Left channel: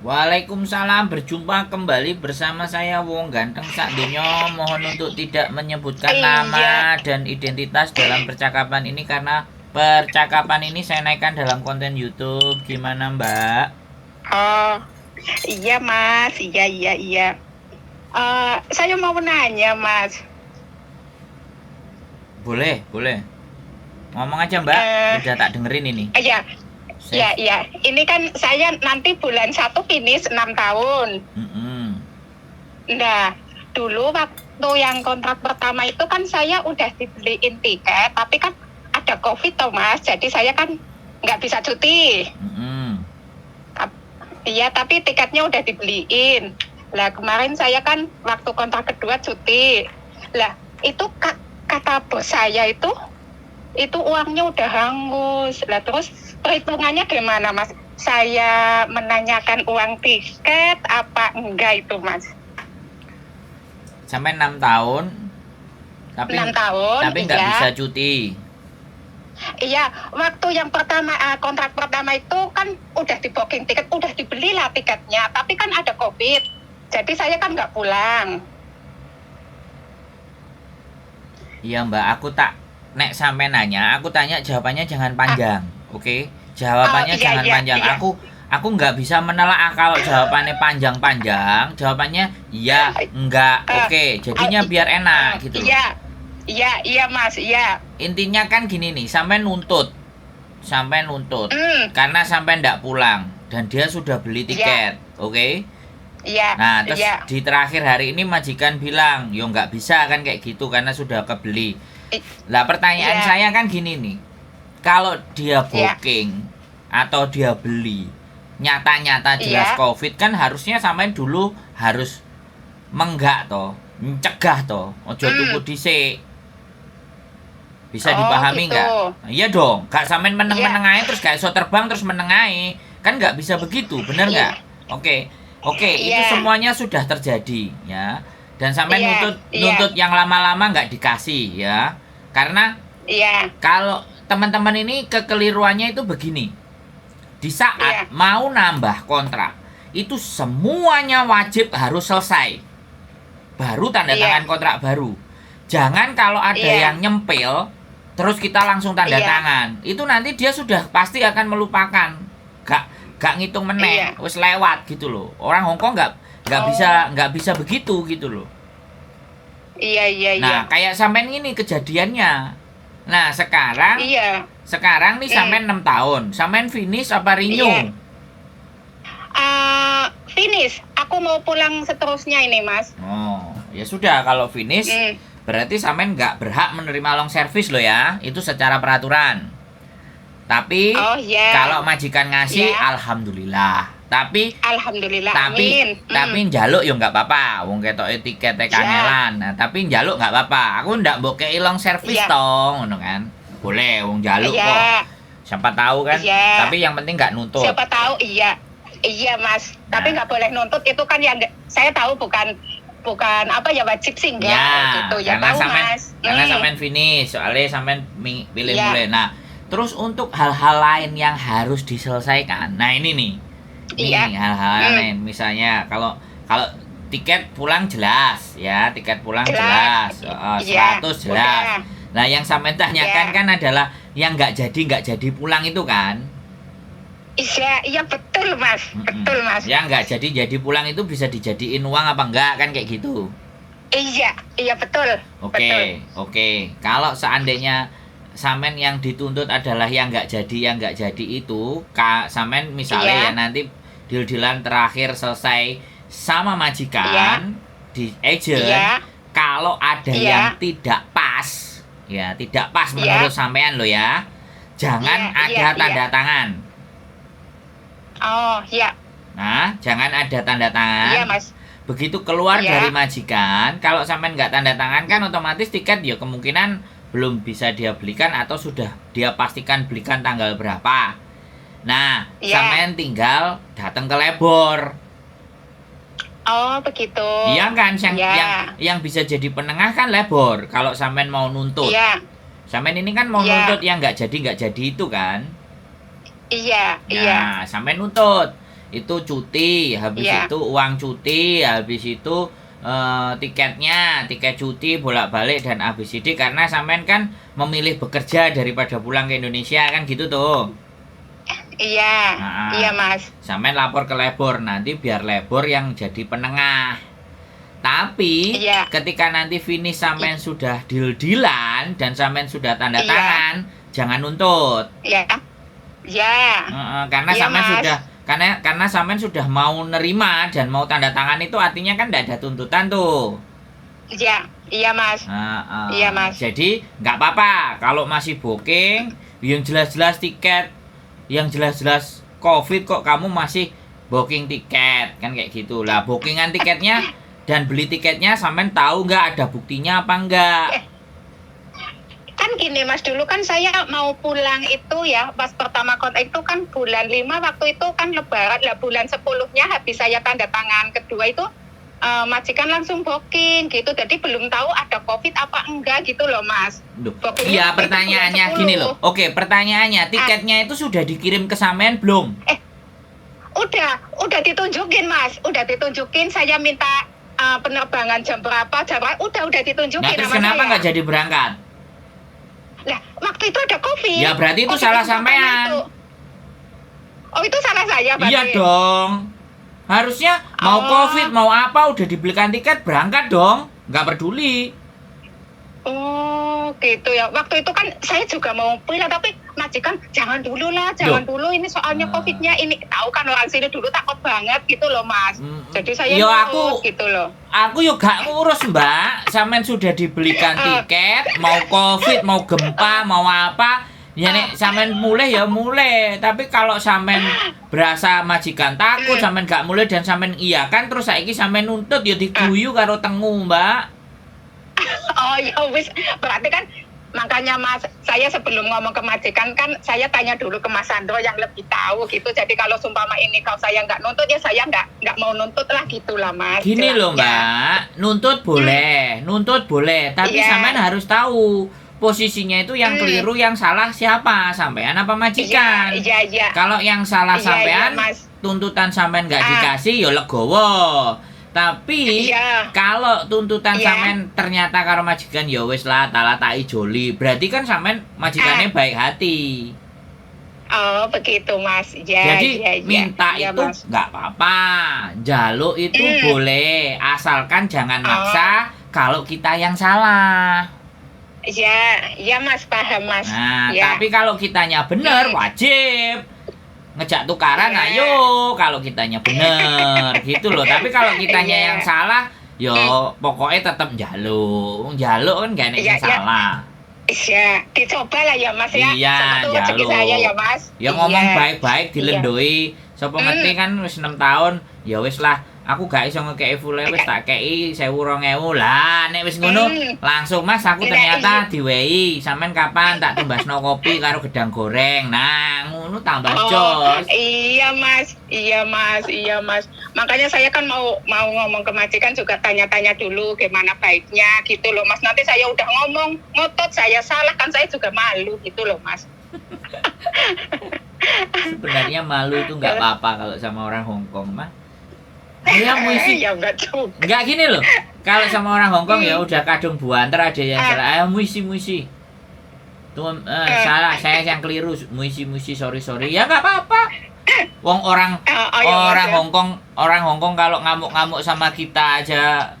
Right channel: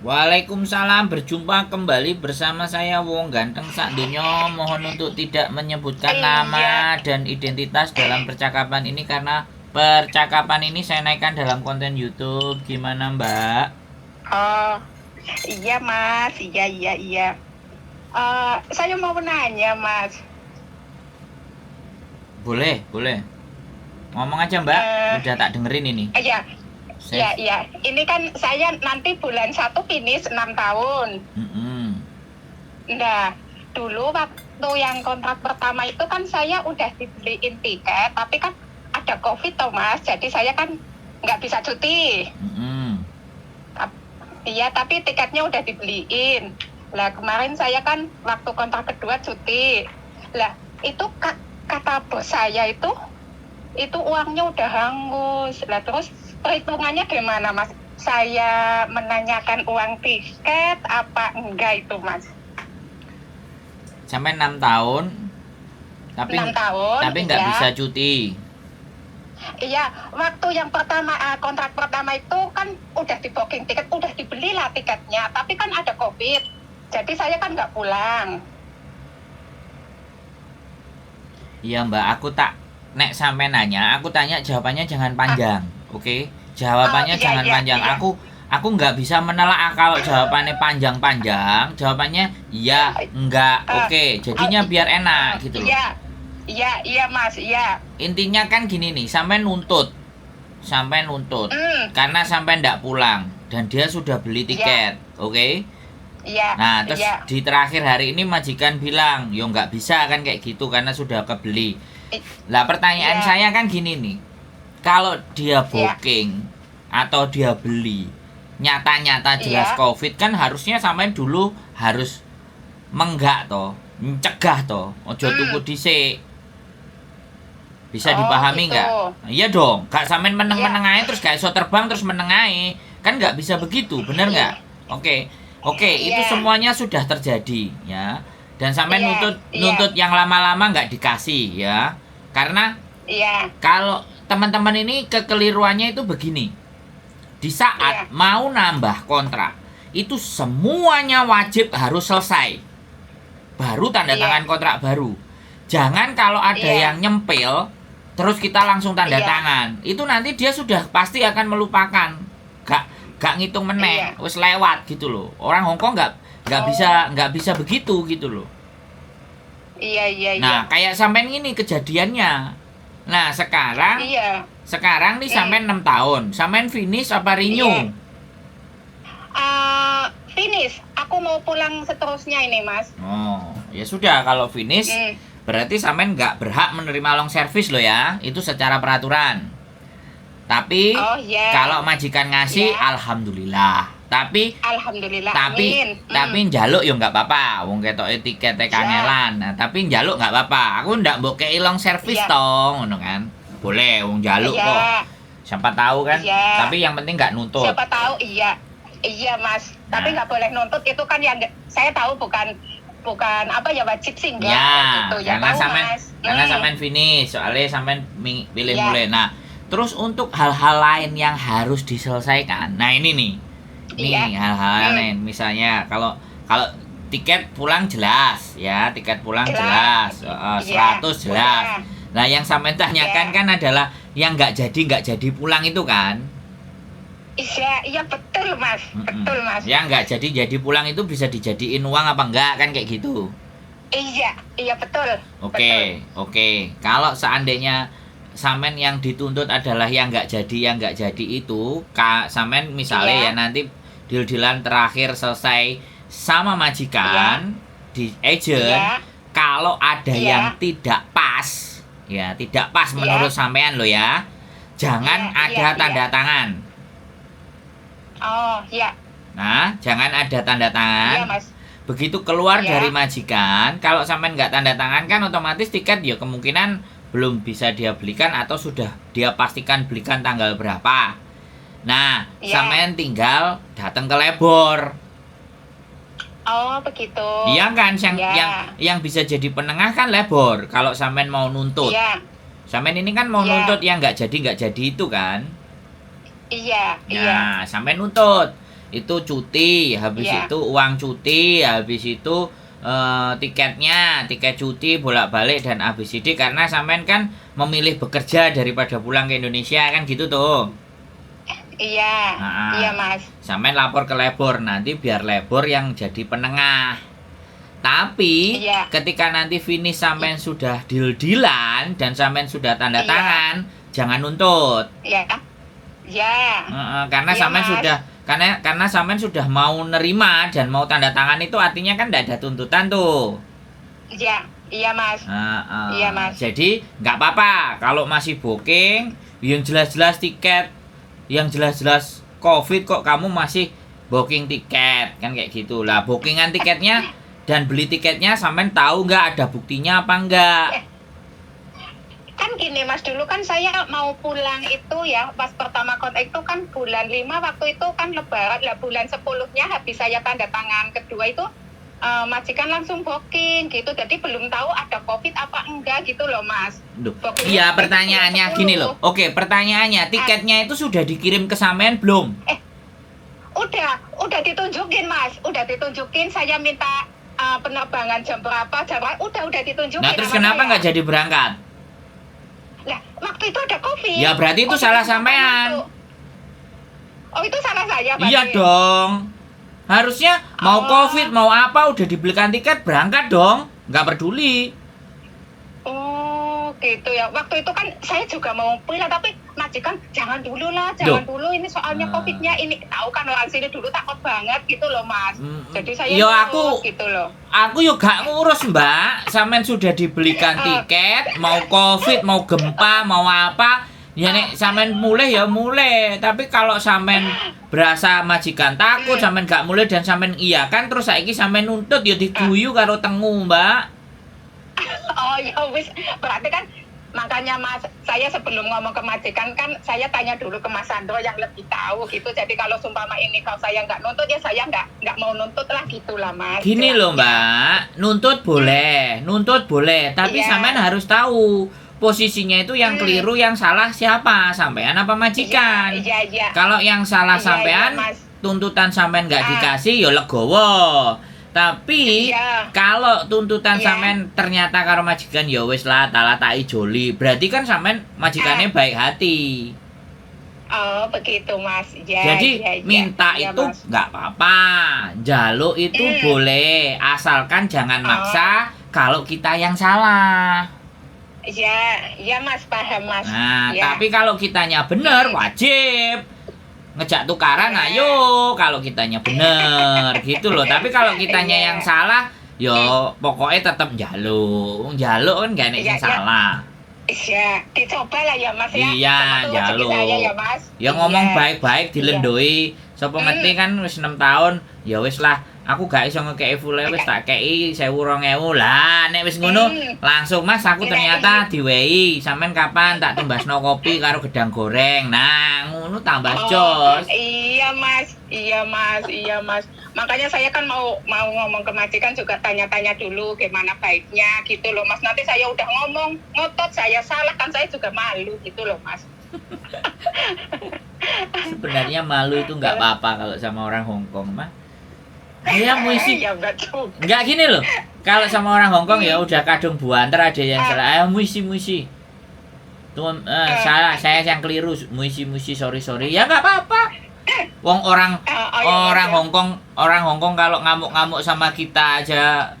Waalaikumsalam, berjumpa kembali bersama saya Wong Ganteng Sak Donya. Mohon untuk tidak menyebutkan Iya, nama dan identitas dalam percakapan ini karena percakapan ini saya naikkan dalam konten YouTube. Gimana, Mbak? oh iya Mas, iya iya iya. Saya mau nanya Mas. Boleh, boleh. Ngomong aja, Mbak. Eh, Udah tak dengerin ini. iya iya Save. iya. Ini kan saya nanti bulan 1 finish 6 tahun. Mm-mm. Nah, dulu waktu yang kontrak pertama itu kan saya udah dibeliin tiket, tapi kan ada COVID toh Mas, jadi saya kan nggak bisa cuti. Mm-mm. Iya, tapi tiketnya udah dibeliin. Lah kemarin saya kan waktu kontrak kedua cuti. Lah itu kata bos saya itu uangnya udah hangus. Lah terus perhitungannya gimana Mas? Saya menanyakan uang tiket apa enggak itu Mas? Sampai 6 tahun, tapi 6 tahun, tapi nggak iya. bisa cuti. Iya, waktu yang pertama kontrak pertama itu kan udah di booking tiket, udah dibeli lah tiketnya, tapi kan ada COVID. Jadi saya kan nggak pulang. Iya Mbak, aku tak nek sampai nanya, aku tanya jawabannya jangan Ah, panjang, oke? oh Jawabannya iya jangan iya panjang. iya. Aku nggak bisa menelaah kalau jawabannya panjang-panjang. Jawabannya iya, enggak, Eh, oke. oh, Jadinya biar enak gitu loh. iya, iya, iya Mas, iya. Intinya kan gini nih, sampai nuntut, Hmm, karena sampai ndak pulang dan dia sudah beli iya, tiket, oke? iya, Nah, terus iya, di terakhir hari ini majikan bilang, yo nggak bisa kan kayak gitu karena sudah kebeli. i- Lah pertanyaan iya, saya kan gini nih, kalau dia iya, booking atau dia beli nyata-nyata jelas iya, covid kan harusnya sampean dulu harus menggak toh, mencegah toh, ojo tuku hmm, dhisik. Bisa oh dipahami gitu, nggak? Nah, iya dong, gak sampean iya, meneng-meneng aja terus gak iso terbang terus meneng aja. Kan nggak bisa begitu, bener nggak? iya, Oke, oke, itu iya, semuanya sudah terjadi ya. Dan sampai iya, nuntut iya, nuntut yang lama-lama nggak dikasih ya. Karena iya, kalau teman-teman ini kekeliruannya itu begini. Di saat iya, mau nambah kontrak, itu semuanya wajib harus selesai. Baru tanda iya, tangan kontrak baru. Jangan kalau ada iya, yang nyempil, terus kita langsung tanda iya, tangan. Itu nanti dia sudah pasti akan melupakan. Gak gak ngitung meneh, iya, wis lewat gitu loh. Orang Hongkong oh, nggak bisa begitu gitu loh. iya, iya, iya, Nah, kayak sampean ini kejadiannya. Nah, sekarang iya, sekarang nih hmm, sampean 6 tahun. Sampean finish apa iya. renew? Finish. Aku mau pulang seterusnya ini, Mas. Oh, ya sudah kalau finish Hmm. berarti sampean nggak berhak menerima long service loh ya. Itu secara peraturan. Tapi Oh ya, kalau majikan ngasih ya. alhamdulillah. Tapi Alhamdulillah, tapi amin. njaluk ya nggak apa-apa. Wong ketoke tikete Ya, kangelan. Nah, tapi njaluk nggak apa-apa. Aku ndak mbok kei long service ya, tong, ngono kan. Boleh wong njaluk kok. ya, Siapa tahu kan. ya. Tapi yang penting nggak nuntut. Siapa tahu iya. Iya, Mas. Tapi Nah, nggak boleh nuntut itu kan yang saya tahu bukan bukan apa ya wajib sih ya, enggak gitu. Ya tahu, Mas. karena sampean finish, soalnya sampean pilih Ya, mulai. Nah, terus untuk hal-hal lain yang harus diselesaikan. Nah, ini nih. iya. Nih hal-hal Hmm. lain misalnya kalau kalau tiket pulang jelas ya, tiket pulang Jelas. jelas, Iya, 100 jelas. udah. Nah, yang sampean tanyakan Iya. kan adalah yang nggak jadi pulang itu kan. Iya, iya betul, Mas. Mm-mm. Betul, Mas. Yang nggak jadi pulang itu bisa dijadiin uang apa enggak kan kayak gitu. Iya, iya betul. Betul. Oke, oke. Kalau seandainya Samen yang dituntut adalah yang nggak jadi itu, Samen misalnya ya Iya, nanti deal-dealan terakhir selesai sama iya, majikan di agent, iya, kalau ada yang iya, tidak pas, ya tidak pas menurut iya, sampean lo ya, iya, jangan iya, ada iya. tanda tangan. Oh, iya, Nah, jangan ada tanda iya, tangan. Mas. Begitu keluar dari Iya, majikan, kalau sampai nggak tanda tangan kan otomatis tiket ya kemungkinan belum bisa dia belikan atau sudah dia pastikan belikan tanggal berapa. Nah, iya. sampean tinggal datang ke lebor. Oh, begitu. Iya kan, Iya, yang bisa jadi penengah kan lebor. Kalau sampean mau nuntut, iya, sampean ini kan mau iya, nuntut yang nggak jadi itu kan. iya, iya, Nah, sampean nuntut. itu cuti, habis Iya. itu uang cuti, habis itu tiketnya, tiket cuti bolak-balik dan ABCD karena sampean kan memilih bekerja daripada pulang ke Indonesia kan gitu tuh. Iya, Nah, iya Mas. sampean lapor ke labor nanti biar labor yang jadi penengah. Tapi Iya. ketika nanti finish sampean sudah deal-dealan dan sampean sudah tanda Iya. tangan, jangan nuntut. Iya. Iya. Karena Iya, sampean Mas. sudah karena sampean sudah mau nerima dan mau tanda tangan itu artinya kan tidak ada tuntutan tuh. Iya, iya Mas. Heeh. Iya, Mas. Jadi nggak apa-apa kalau masih booking yang jelas-jelas tiket, yang jelas-jelas COVID kok kamu masih booking tiket kan kayak gitu lah. Bookingan tiketnya dan beli tiketnya sampean tahu nggak ada buktinya apa enggak? Kan gini Mas, dulu kan saya mau pulang itu ya, pas pertama kontak itu kan bulan 5, waktu itu kan lebaran lah, bulan 10-nya habis saya tanda tangan kedua itu majikan langsung booking gitu, jadi belum tahu ada COVID apa enggak gitu loh Mas. Duh. Bookingnya Iya, itu pertanyaannya bulan gini 10. loh. Oke, pertanyaannya tiketnya itu sudah dikirim ke sampean belum? Udah ditunjukin Mas, udah ditunjukin, saya minta penerbangan jam berapa, udah ditunjukin. Nah, terus sama kenapa saya. nggak jadi berangkat? Lah, waktu itu ada COVID. Ya berarti itu Oh, salah jadi sampean. itu. Oh, itu salah saya berarti. Iya dong. Harusnya mau Oh. COVID mau apa udah dibelikan tiket berangkat dong. Nggak peduli. Oh, gitu ya. Waktu itu kan saya juga mau pulang, tapi majikan jangan dulu lah, Duh. jangan dulu. Ini soalnya Ah. COVID-nya ini, tahu kan orang sini dulu takut banget gitu loh Mas. Jadi saya Yo, nurut aku- gitu loh. Aku yuk gak ngurus mbak. Sampean sudah dibelikan tiket. Mau COVID mau gempa mau apa. Ya nek sampean mulai ya mulai. Tapi kalau sampean berasa majikan takut, sampean gak mulai dan sampean iya kan terus saiki sampean nuntut ya diguyu karo tengu mbak. Oh ya wis, berarti kan makanya Mas, saya sebelum ngomong ke majikan kan saya tanya dulu ke Mas Sandro yang lebih tahu gitu. Jadi kalau sumpama ini kalau saya nggak nuntut ya saya nggak mau nuntut lah gitulah Mas. Gini loh Jelasnya. mbak, nuntut boleh, tapi Iya. sampean harus tahu posisinya itu yang keliru, yang salah siapa, sampean apa majikan. Iya. Kalau yang salah Iya, sampean, iya, Mas. tuntutan sampean nggak Ah. dikasih, ya legowo. Tapi Iya. kalau tuntutan Iya. sampean ternyata karo majikan ya wis lah tak joli, berarti kan sampean majikannya baik hati. Oh begitu Mas. Ya, Jadi iya, iya. minta Iya, itu Mas. nggak apa-apa, jaluk itu boleh, asalkan jangan maksa kalau kita yang salah. Iya Mas, paham Mas. Nah, Ya. tapi kalau kitanya bener wajib ngejak tukaran, Iya. ayo kalau kitanya bener gitu loh. Tapi kalau kitanya Iya. yang salah, yo pokoknya tetap jaluk kan gak ada Iya, yang iya. salah. Iya, dicoba lah ya Mas ya. Iya, Sama tuh rezeki jaluk. saya ya Mas. Ya ngomong Iya. baik-baik dilendoi. Sopo ngerti kan wis 6 tahun, ya wis lah. Aku gak iso ngekei full wis tak kei 1.000 lah. Nek wis ngono langsung Mas aku ternyata diwehi. Sampean kapan tak tumbasno kopi karo gedang goreng. Nah, ngono tambah jos. Iya Mas, iya Mas. Makanya saya kan mau ngomong ke majikan juga tanya-tanya dulu gimana baiknya gitu loh Mas. Nanti saya udah ngomong ngotot saya salah kan saya juga malu gitu loh Mas. Sebenarnya malu itu nggak apa-apa kalau sama orang Hongkong mah. Ya muisi. Ya enggak tuh. Nggak gini loh. Kalau sama orang Hongkong ya udah kadung buanter ada yang salah. Ayo muisi. Tuh salah saya yang keliru. Muisi sorry. Ya nggak apa-apa. Wong orang Hongkong kalau ngamuk-ngamuk sama kita aja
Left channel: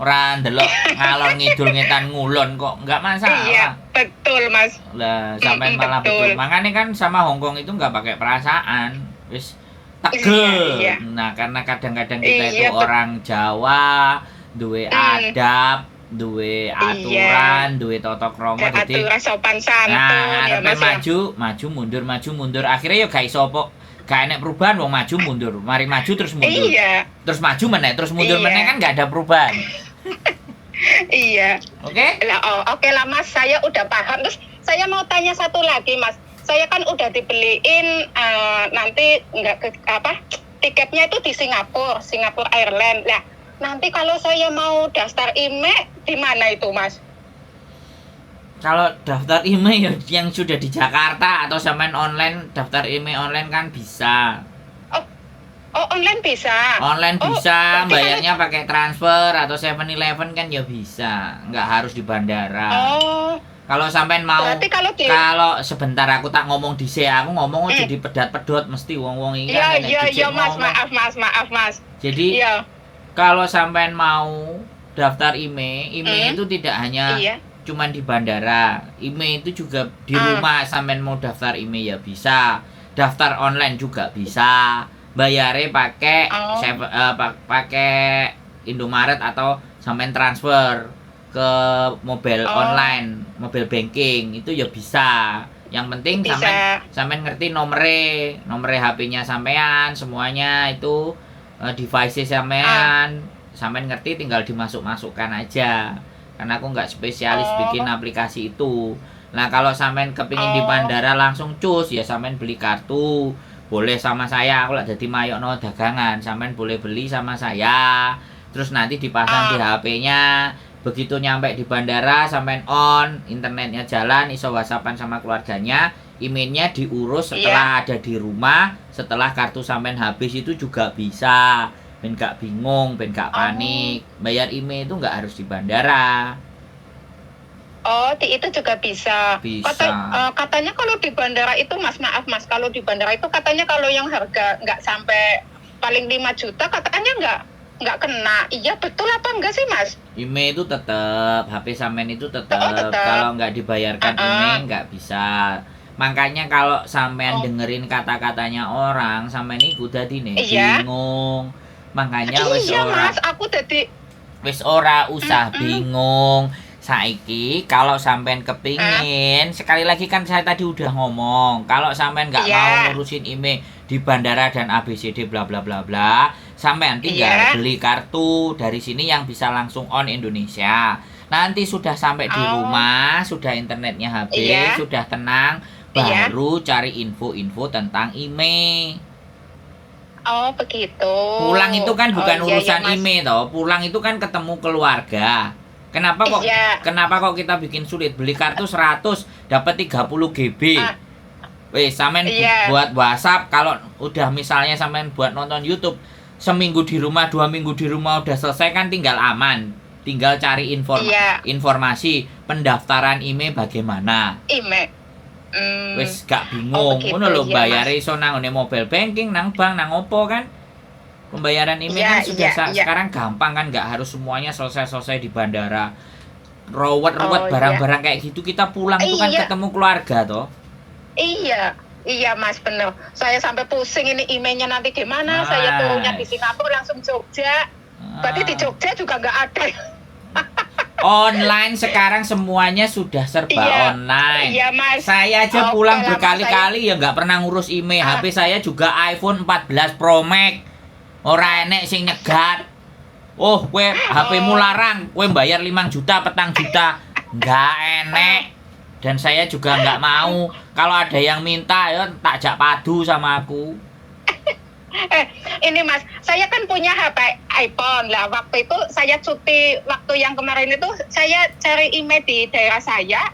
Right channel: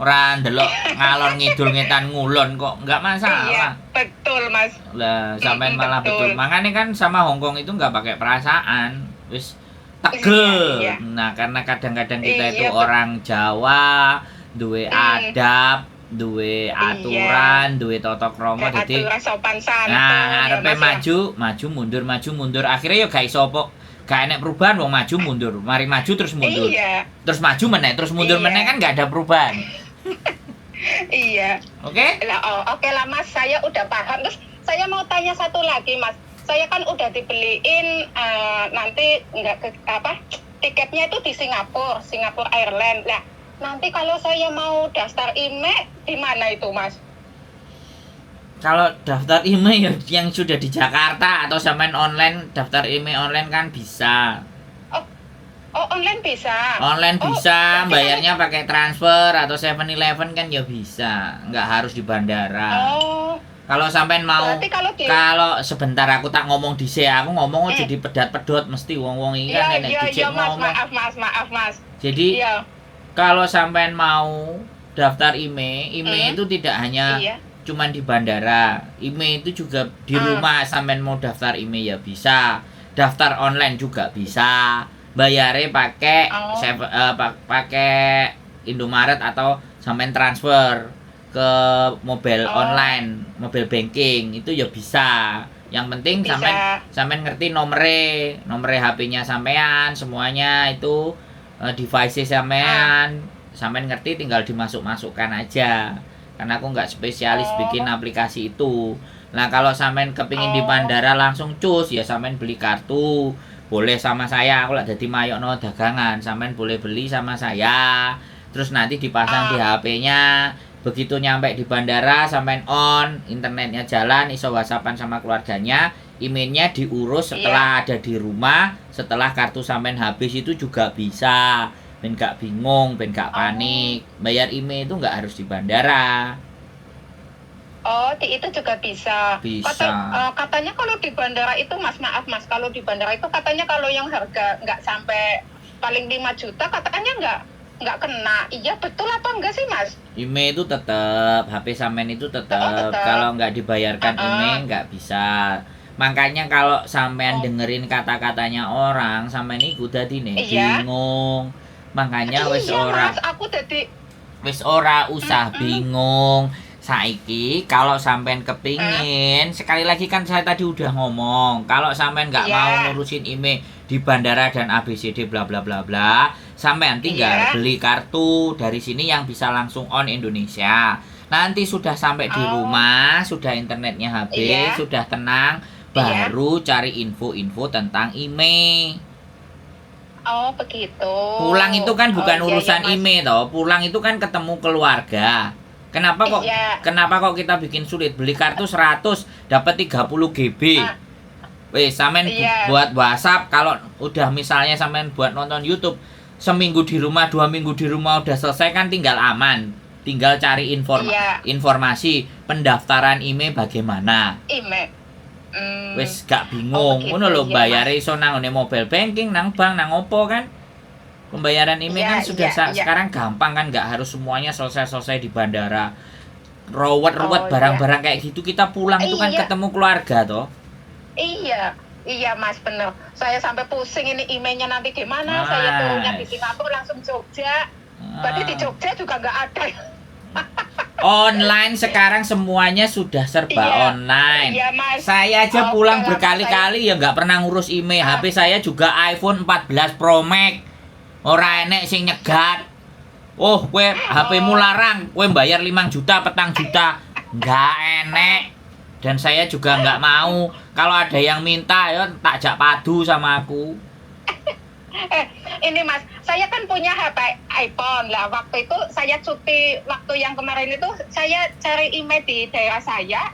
orang delok ngalor ngidul ngetan ngulon kok nggak masalah. Iya, betul Mas. Lah sampean malah Betul. betul. Makanya kan sama Hongkong itu nggak pakai perasaan. Wis tegel. Iya. Nah, karena kadang-kadang kita Iya, itu orang Jawa, duwe adab, duwe aturan, duwe tata krama jadi Aturan sopan santun. nah, ya, arepe Mas, ya. maju mundur. Akhirnya yo gak iso apa. Gak enek perubahan wong maju mundur. Mari maju terus mundur. Iya, Terus maju meneh, terus mundur Iya. meneh kan gak ada perubahan. iya. Oke? Oke lah Mas, saya udah paham. Terus saya mau tanya satu lagi Mas. Saya kan udah dibeliin nanti tiketnya itu di Singapore Airlines. Nah, nanti kalau saya mau daftar IMEI di mana itu Mas? Kalau daftar email yang sudah di Jakarta atau sampean online daftar email online kan bisa. Oh online bisa. Online Oh, bisa, berarti bayarnya pakai transfer atau 7-Eleven kan ya bisa, nggak harus di bandara. Oh, Kalau sampean mau, berarti kalau di kalau sebentar aku tak ngomong dhisik, aku ngomong aja Hmm. di pedot-pedot mesti wong-wong iki kan Iya, nek iya, iya, dijik Mas. ngomong. Maaf, Mas. Jadi Iya. kalau sampean mau daftar IMEI itu tidak hanya Iya. cuman di bandara. IMEI itu juga di rumah sampean mau daftar IMEI ya bisa. Daftar online juga bisa. Bayarnya pakai Oh. pakai Indomaret atau sampean transfer ke mobile Oh. online, mobile banking itu ya bisa. Yang penting Bisa. sampean ngerti nomere HP-nya sampean, semuanya itu device sampean ngerti, tinggal dimasuk-masukkan aja. Karena aku nggak spesialis Oh. bikin aplikasi itu. Nah, kalau sampean kepingin di Oh. bandara langsung cus, ya sampean beli kartu. Boleh sama saya, aku lah jadi mayokno dagangan. Sampean boleh beli sama saya. Terus nanti dipasang di HP-nya. Begitu nyampe di bandara, sampean on, internetnya jalan, iso whatsappan sama keluarganya. Emailnya diurus setelah ada di rumah, setelah kartu sampean habis itu juga bisa. Ben gak bingung, ben gak panik. Bayar email itu nggak harus di bandara. Oh, itu juga bisa. Bisa. Katanya kalau di bandara itu, Mas, maaf Mas, kalau di bandara itu katanya kalau yang harga nggak sampai paling 5 juta, katanya nggak kena. Iya, betul apa enggak sih, Mas? IMEI itu tetap, HP sampean itu tetap. Kalau nggak dibayarkan IMEI nggak bisa. Makanya kalau sampean dengerin kata-katanya orang, sampean iku dadi nih Iya. bingung. Makanya wis Iya, ora Mas, aku tadi usah bingung. Saiki kalau sampean kepingin, sekali lagi kan saya tadi udah ngomong, kalau sampean nggak Iya. mau ngurusin IMEI di bandara dan ABCD bla bla bla bla, sampean tinggal Iya. beli kartu dari sini yang bisa langsung on Indonesia. Nanti sudah sampai di rumah, sudah internetnya habis, Iya. sudah tenang, baru cari info-info tentang IMEI. Oh, begitu. Pulang itu kan bukan Oh, iya, urusan iya, Mas. IMEI toh, pulang itu kan ketemu keluarga. Iya. Kenapa kok kita bikin sulit? Beli kartu 100 dapat 30 GB. Wes, sampean Iya. buat WhatsApp, kalau udah misalnya sampean buat nonton YouTube, seminggu di rumah, 2 minggu di rumah udah selesai kan tinggal aman. Tinggal cari Iya. informasi pendaftaran IMEI bagaimana. Email. Wes gak bingung, begitu, ngono lho, iya, bayare iso nang ngone mobile banking, nang bank, nang opo kan. Pembayaran IMEI Iya, kan sudah iya. sekarang gampang kan, nggak harus semuanya selesai di bandara. Ruwet-ruwet Oh, barang-barang kayak gitu, kita pulang itu kan Iya. ketemu keluarga toh. Iya, Mas, bener. Saya sampai pusing ini emailnya nanti gimana. Saya turunnya di Singapura langsung Jogja. Berarti di Jogja juga nggak ada. Online sekarang semuanya sudah serba Iya. online. Iya, Mas. Saya aja Oh, pulang kalau berkali-kali ya nggak pernah ngurus IMEI. HP saya juga iPhone 14 Pro Max. Ora enek sing nyegat. Oh, kowe HP-mu larang, kowe bayar 5 juta, petang juta. Nggak enek. Dan saya juga nggak mau. Kalau ada yang minta ya tak jak padu sama aku. Ini, Mas, saya kan punya HP iPhone lah. Waktu itu saya cuti, waktu yang kemarin itu saya cari email di daerah saya.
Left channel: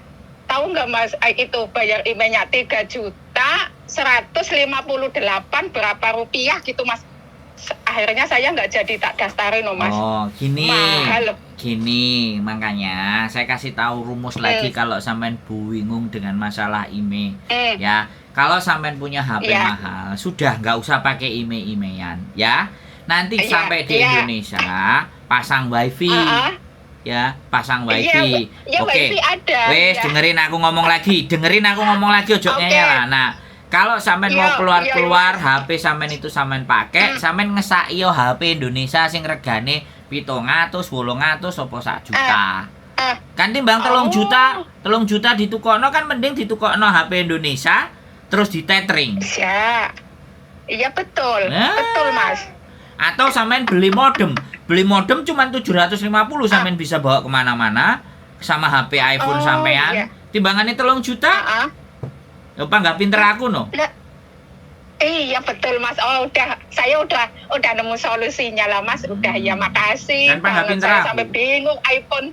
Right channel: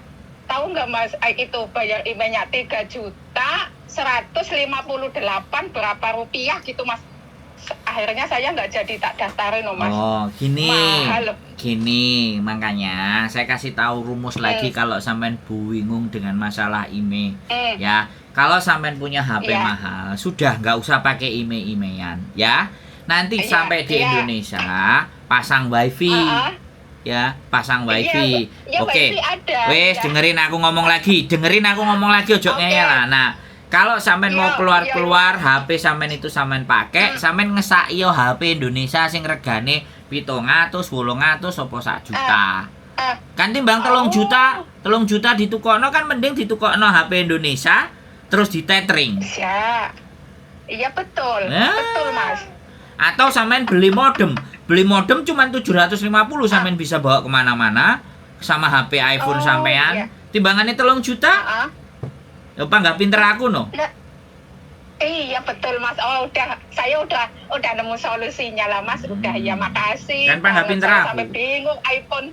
Tahu nggak, Mas, itu bayar emailnya 3 juta 158 berapa rupiah gitu, Mas. Akhirnya saya nggak jadi tak daftarin, loh, Mas. Oh, gini. Mahal. Gini, makanya saya kasih tahu rumus lagi kalau sampean bingung dengan masalah IMEI. Ya, kalau sampean punya HP Iya. mahal, sudah nggak usah pakai IMEI-IMEIan, ya. Nanti Iya, sampai di iya. Indonesia pasang WiFi, ya, pasang WiFi. Iya, Oke. WiFi ada, Wes, ya. dengerin aku ngomong lagi, ojo Oke. ngeyel lah. Nah, kalau sampean mau Iya, keluar HP sampean itu sampean pakai, sampean ngesaki yo HP Indonesia sing regane 700, 800 apa 1 juta. Kan timbang 3 juta ditukokno kan mending ditukokno HP Indonesia terus di tethering. Ya. Iya, betul. Nah. Betul, Mas. Atau sampean beli modem. Beli modem cuma 750 sampean bisa bawa kemana-mana sama HP iPhone Oh, sampean. iya. Timbangannya 3 juta. Apa nggak pinter aku no? Lah, iya betul, Mas. Oh, saya udah nemu solusinya lah, Mas. Udah, ya makasih. Kan nggak pinter Saya aku. sampai bingung iPhone.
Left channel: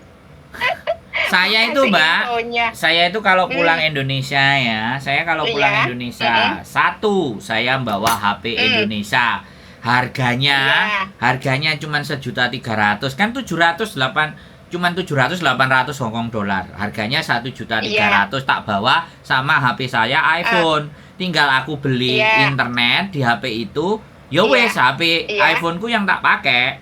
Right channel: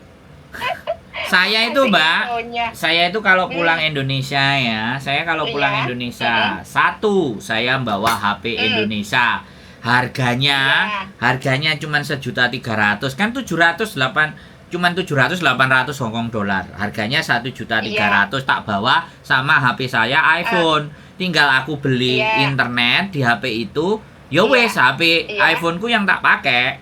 Saya itu, Kasih Mbak. infonya. Saya itu kalau pulang Indonesia ya, saya kalau pulang Iya. Indonesia, satu saya bawa HP Indonesia. harganya Iya. harganya cuma 1.300.000 kan 700 Hongkong dolar. Harganya 1.300.000 tak bawa sama HP saya iPhone. Tinggal aku beli Iya. internet di HP itu. Ya Iya. wes HP Iya. iPhoneku yang tak pakai.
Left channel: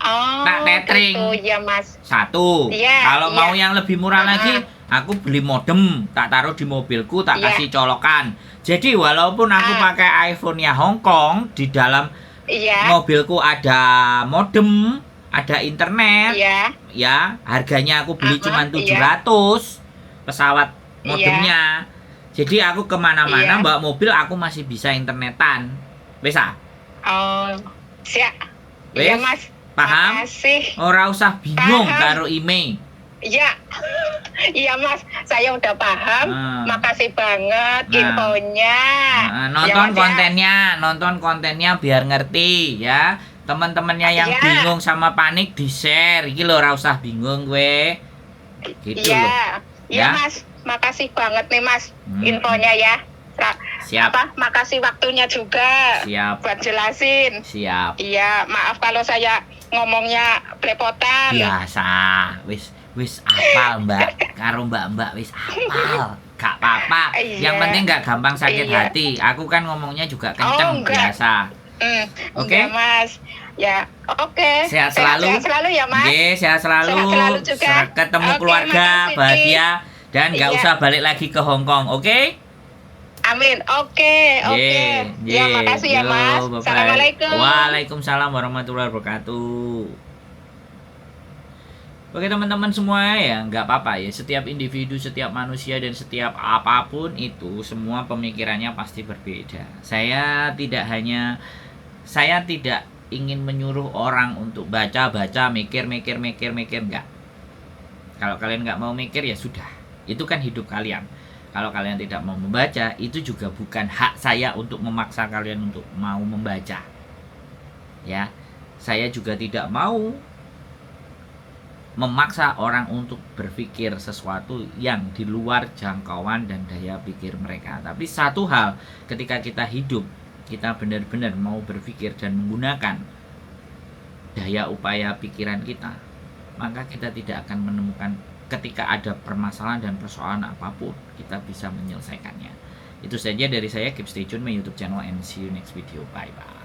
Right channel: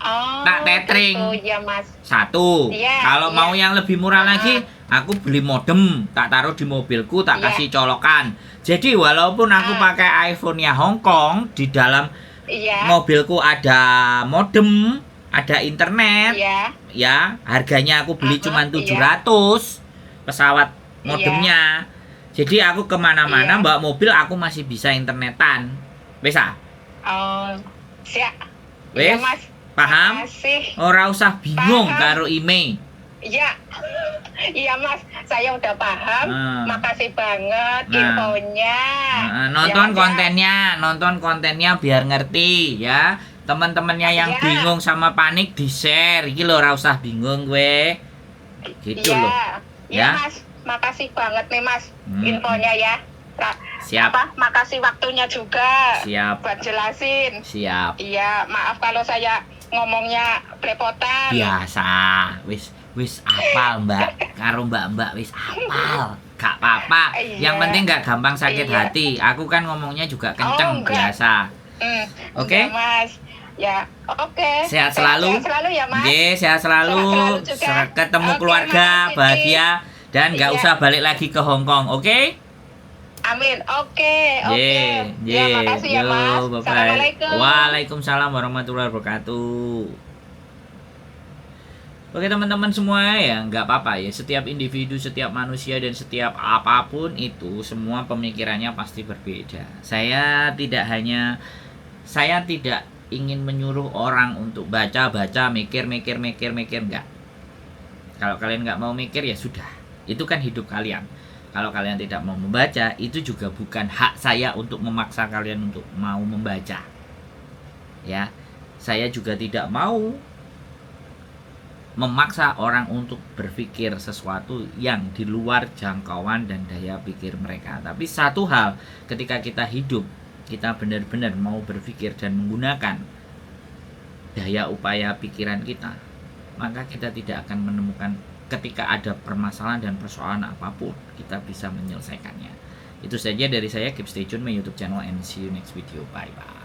Oh, Tak tethering. gitu ya Mas. Satu. Iya, Kalau iya. mau yang lebih murah lagi, aku beli modem, tak taruh di mobilku, tak Iya. kasih colokan. Jadi walaupun aku pakai iPhone-nya Hongkong, di dalam Iya. mobilku ada modem, ada internet, Iya. ya harganya aku beli cuma Iya. 700 pesawat modemnya. Jadi aku kemana-mana Iya. bawa mobil aku masih bisa internetan. Wes ah? Oh, siap. Wes? Iya Mas. Paham? Makasih. Ora usah bingung Paham. karo email. Iya. Iya Mas, saya udah paham. Ah. Makasih banget Nah. infonya. Nonton Ya, Mas, ya. kontennya biar ngerti ya. Teman-temannya yang Iya. bingung sama panik di-share. Iki lho ora usah bingung gue. Gitu loh. Iya Ya. Mas, makasih banget nih Mas Hmm. infonya ya. Siap. Makasih waktunya juga Siap. buat jelasin. Siap. Iya, maaf kalau saya ngomongnya belepotan. Biasa. Wis apal, Mbak. Karo Mbak wis apal. Gak apa-apa. Iya. Yang penting gak gampang sakit Iya. hati. Aku kan ngomongnya juga kenceng enggak. biasa. Oke? Iya, Mas. Ya, oke. Sehat selalu. Sehat selalu ya Mas. Ye, sehat selalu. Sehat selalu juga. Ketemu Oke, keluarga, makasih, bahagia, dan gak Iya. usah balik lagi ke Hongkong, oke? Amin. Oke. Ye, Ya, makasih ya Mas. bye-bye. Assalamualaikum. Waalaikumsalam warahmatullahi wabarakatuh. Oke teman-teman semua ya, nggak apa-apa ya. Setiap individu, setiap manusia, dan setiap apapun itu semua pemikirannya pasti berbeda. Saya tidak ingin menyuruh orang untuk baca, mikir, enggak. Kalau kalian nggak mau mikir ya sudah, itu kan hidup kalian. Kalau kalian tidak mau membaca, itu juga bukan hak saya untuk memaksa kalian untuk mau membaca. Ya, saya juga tidak mau memaksa orang untuk berpikir sesuatu yang di luar jangkauan dan daya pikir mereka. Tapi satu hal, ketika kita hidup, kita benar-benar mau berpikir dan menggunakan daya upaya pikiran kita, maka kita tidak akan menemukan, ketika ada permasalahan dan persoalan apapun, kita bisa menyelesaikannya. Itu saja dari saya. Keep stay tune my YouTube channel and see you next video. Bye bye.